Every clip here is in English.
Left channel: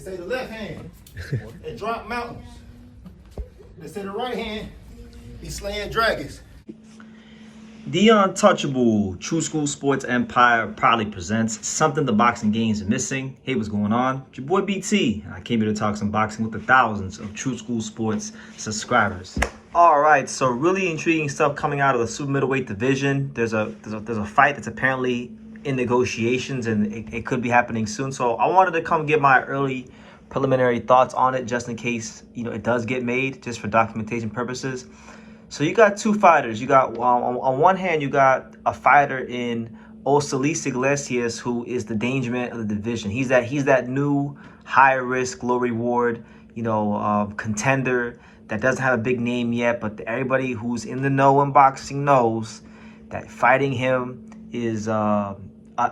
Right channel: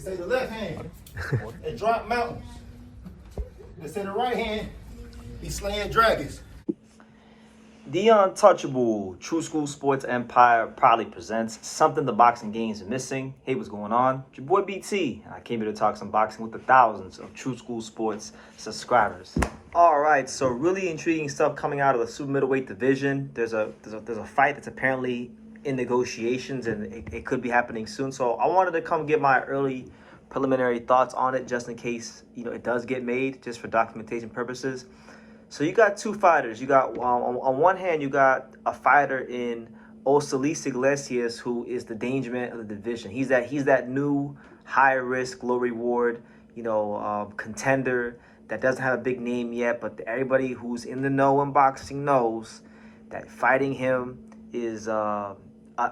They say the left hand, it drop mountains. They say the right hand, be slaying dragons. The Untouchable True School Sports Empire proudly presents something the boxing games are missing. Hey, what's going on? It's your boy BT. I came here to talk some boxing with the thousands of True School Sports subscribers. All right, so really intriguing stuff coming out of the super middleweight division. There's a fight that's apparently in negotiations, and it could be happening soon. So I wanted to come give my early preliminary thoughts on it, just in case it does get made, just for documentation purposes. So you got two fighters. You got on one hand, you got a fighter in Osleys Iglesias, who is the danger man of the division. He's that new high risk, low reward, contender that doesn't have a big name yet, but everybody who's in the know in boxing knows that fighting him is an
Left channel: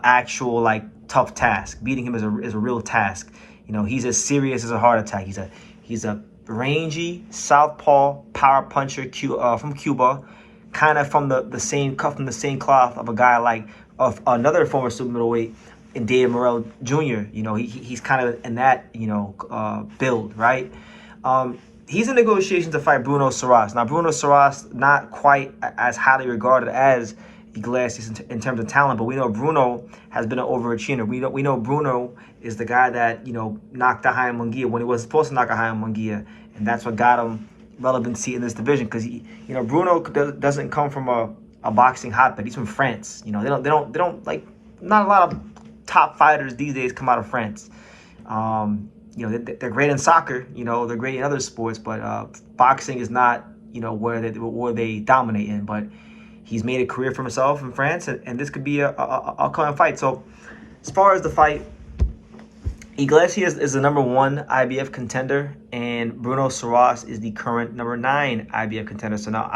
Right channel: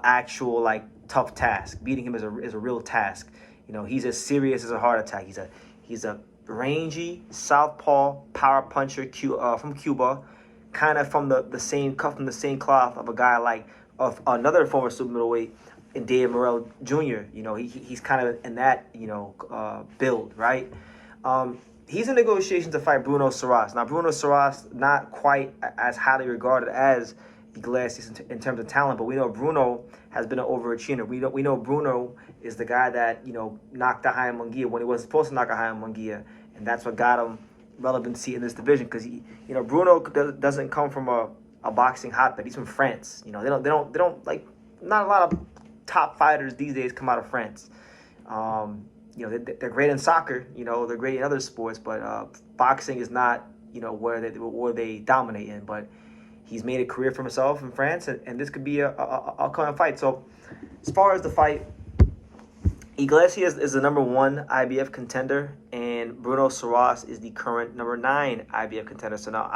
actual tough task. Beating him is a real task. He's as serious as a heart attack. He's a rangy southpaw power puncher from Cuba, kind of from the same cloth of a guy of another former super middleweight in David Morrell Jr. He's kind of in that build, right? He's in negotiations to fight Bruno Surace. Now Bruno Surace not quite as highly regarded as Iglesias in terms of talent, but we know Bruno has been an overachiever. We know Bruno is the guy that knocked out Jaime Munguia when he was supposed to knock out Jaime Munguia, and that's what got him relevancy in this division. Because Bruno doesn't come from a boxing hotbed. He's from France. They don't not a lot of top fighters these days come out of France. They're great in soccer. They're great in other sports, but boxing is not where they dominate in. But he's made a career for himself in France, and this could be a common fight. So as far as the fight, Iglesias is the number 1 IBF contender, and Bruno Surace is the current number 9 IBF contender. So now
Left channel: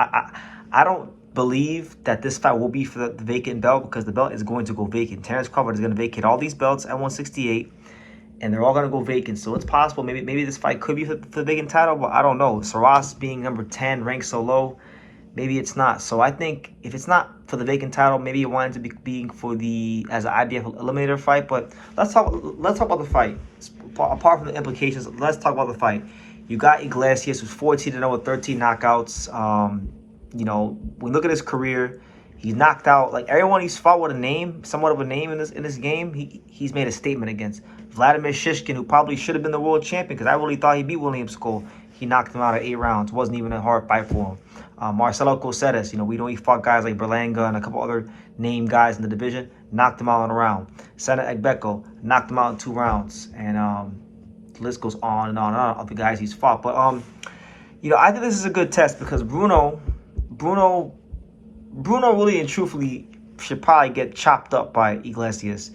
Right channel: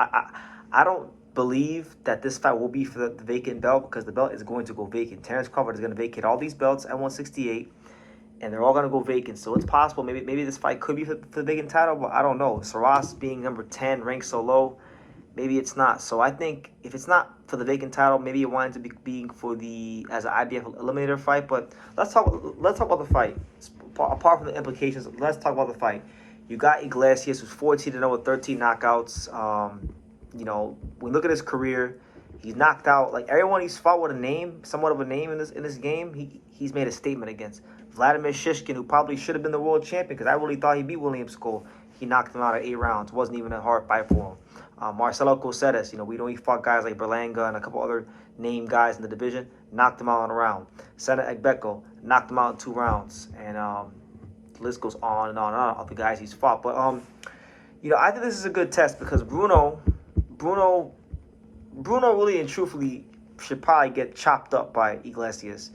I don't believe that this fight will be for the vacant belt, because the belt is going to go vacant. Terrence Crawford is going to vacate all these belts at 168, and they're all going to go vacant. So it's possible maybe this fight could be for the vacant title, but I don't know. Surace being number 10, ranked so low, maybe it's not. So I think if it's not for the vacant title, maybe it winds up being as an IBF eliminator fight. But let's talk about the fight. Apart from the implications, let's talk about the fight. You got Iglesias, who's 14-0 with 13 knockouts. We look at his career, he's knocked out everyone he's fought with somewhat of a name in this game. He's made a statement against. Vladimir Shishkin, who probably should have been the world champion, because I really thought he beat William Skull. He knocked him out at 8 rounds. Wasn't even a hard fight for him. Marcelo Coceres, we know he fought guys like Berlanga and a couple other named guys in the division, knocked him out in a round. Sana Egbeko knocked him out in 2 rounds. And the list goes on and on and on of the guys he's fought. But, I think this is a good test, because Bruno really and truthfully should probably get chopped up by Iglesias.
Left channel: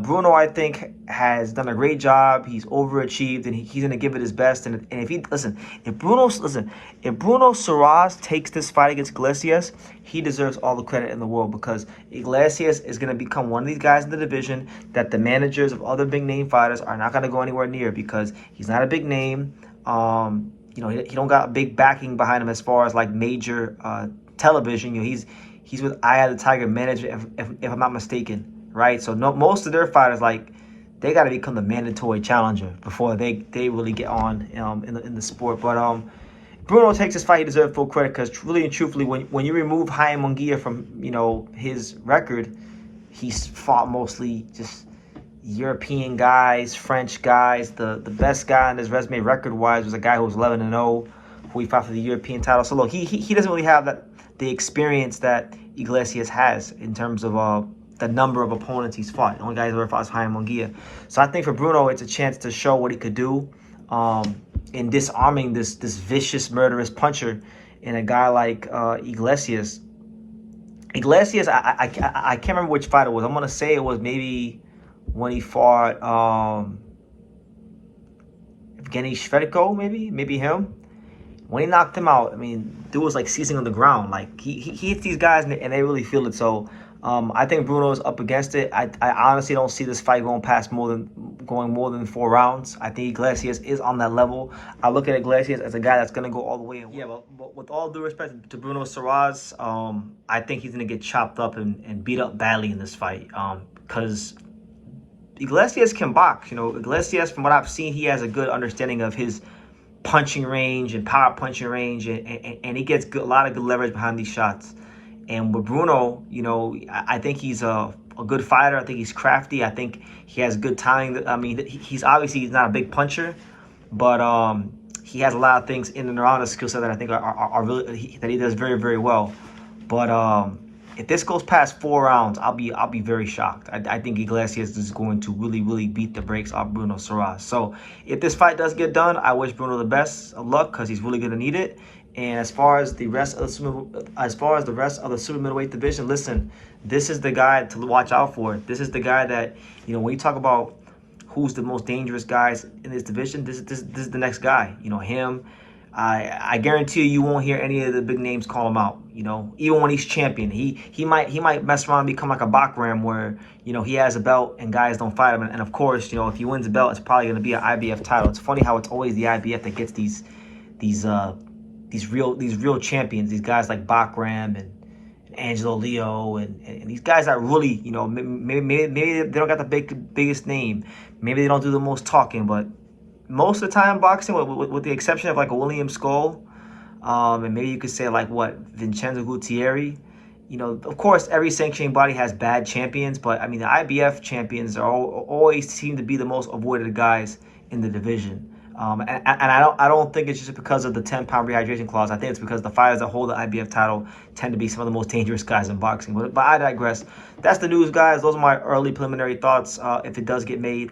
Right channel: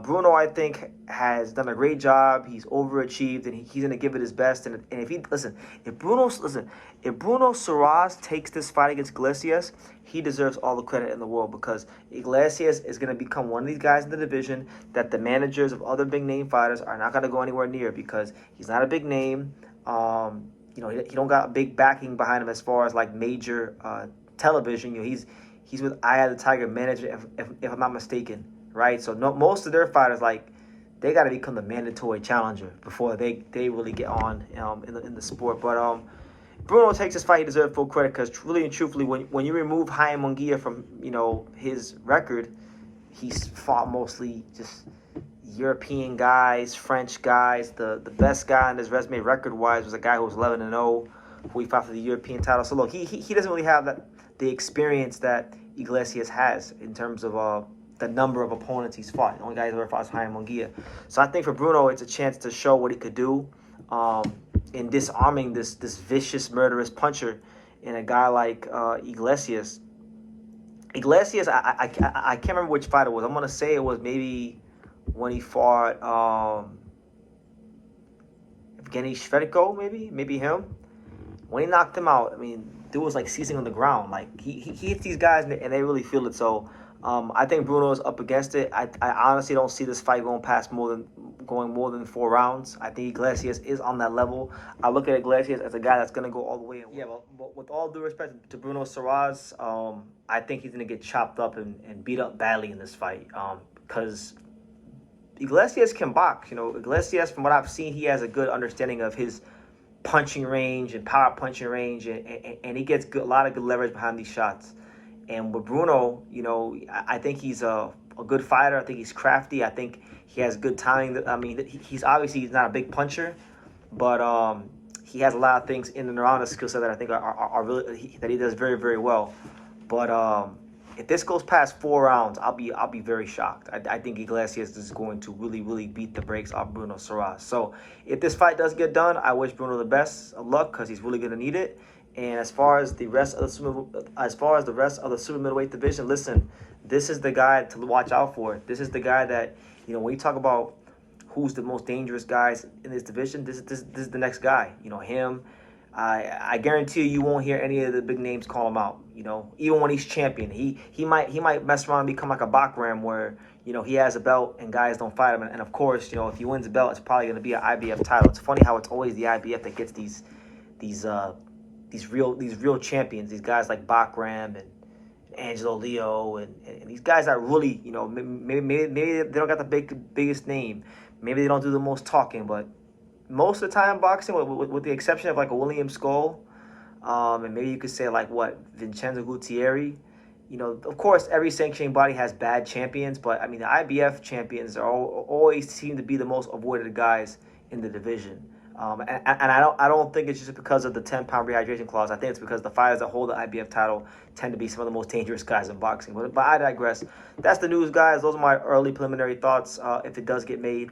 Bruno, I think, has done a great job. He's overachieved, and he's going to give it his best. And if Bruno Surace takes this fight against Iglesias, he deserves all the credit in the world, because Iglesias is going to become one of these guys in the division that the managers of other big name fighters are not going to go anywhere near, because he's not a big name. He don't got a big backing behind him as far as major television. He's with Eye of the Tiger management, if I'm not mistaken. Right, so most of their fighters they got to become the mandatory challenger before they really get on in the sport. But Bruno takes this fight; he deserves full credit, because really and truthfully, when you remove Jaime Munguia from his record, he's fought mostly just European guys, French guys. The best guy on his resume record wise was a guy who was 11-0, who he fought for the European title. So look, he doesn't really have the experience that Iglesias has in terms of the number of opponents he's fought. The only guy he's ever fought is Jaime Munguia. So I think for Bruno, it's a chance to show what he could do in disarming this vicious, murderous puncher in a guy like Iglesias. Iglesias, I can't remember which fight it was. I'm going to say it was maybe when he fought Evgeny Shvedko, maybe him. When he knocked him out, dude was seizing on the ground. He hits these guys and they really feel it. So I think Bruno's up against it. I honestly don't see this fight going more than 4 rounds. I think Iglesias is on that level. I look at Iglesias as a guy that's going to go all the way. Yeah, but with all due respect to Bruno Surace, I think he's going to get chopped up and beat up badly in this fight. Because Iglesias can box. You know, Iglesias, from what I've seen, he has a good understanding of his punching range and power punching range, and he gets a lot of good leverage behind these shots. And with Bruno, you know, I think he's a good fighter. I think he's crafty. I think he has good timing. I mean, he's not a big puncher, but he has a lot of things in and around his skill set that I think are really that he does very, very well. But if this goes past 4 rounds, I'll be very shocked. I think Iglesias is going to really beat the brakes off Bruno Surace. So if this fight does get done, I wish Bruno the best of luck because he's really going to need it. And as far as the rest of the super middleweight division, listen, this is the guy to watch out for. This is the guy that, you know, when you talk about who's the most dangerous guys in this division, this is the next guy. You know, him. I guarantee you won't hear any of the big names call him out. You know, even when he's champion, he might mess around and become like a Bakram where, you know, he has a belt and guys don't fight him. And of course, you know, if he wins the belt, it's probably going to be an IBF title. It's funny how it's always the IBF that gets these real champions, these guys like Bakram and Angelo Leo and these guys that really, you know, maybe they don't got the biggest name, maybe they don't do the most talking, but most of the time boxing, with the exception of like a William Skull, and maybe you could say like what, Vincenzo Gutierrez, you know, of course every sanctioning body has bad champions, but I mean the IBF champions are always seem to be the most avoided guys in the division. And I don't think it's just because of the 10-pound rehydration clause. I think it's because the fighters that hold the IBF title tend to be some of the most dangerous guys in boxing. But I digress. That's the news, guys. Those are my early preliminary thoughts. If it does get made,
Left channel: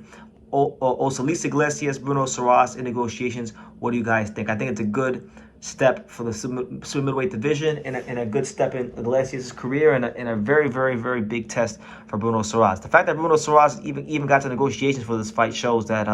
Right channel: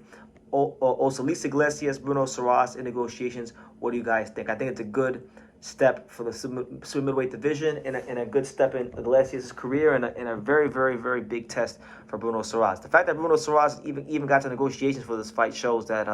Osleys Iglesias, Bruno Surace in negotiations. What do you guys think? I think it's a good step for the super middleweight division and a good step in Iglesias' career and a very big test for Bruno Surace. The fact that Bruno Surace even got to negotiations for this fight shows that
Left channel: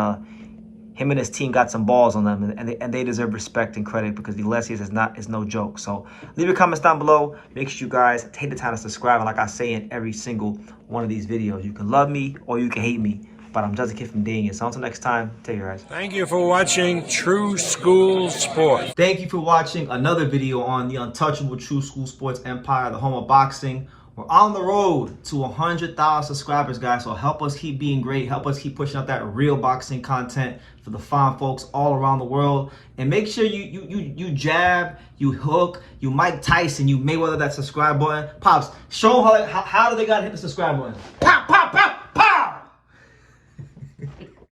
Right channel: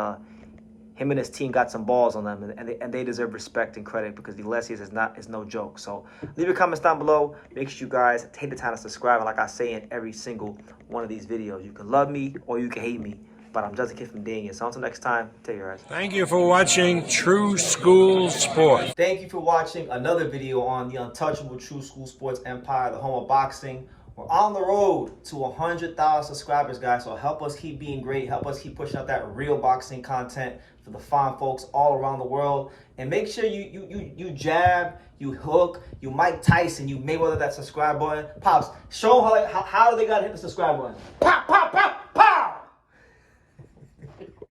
him and his team got some balls on them, and they deserve respect and credit because Iglesias is no joke. So leave your comments down below. Make sure you guys take the time to subscribe. And like I say in every single one of these videos, you can love me or you can hate me, but I'm just a kid from Dania. So until next time, take care, guys. Thank you for watching True School Sports. Thank you for watching another video on the untouchable True School Sports Empire, the home of boxing. We're on the road to 100,000 subscribers, guys. So help us keep being great. Help us keep pushing out that real boxing content for the fine folks all around the world. And make sure you jab, you hook, you Mike Tyson, you Mayweather that subscribe button. Pops, show them how do they gotta hit the subscribe button. Pow!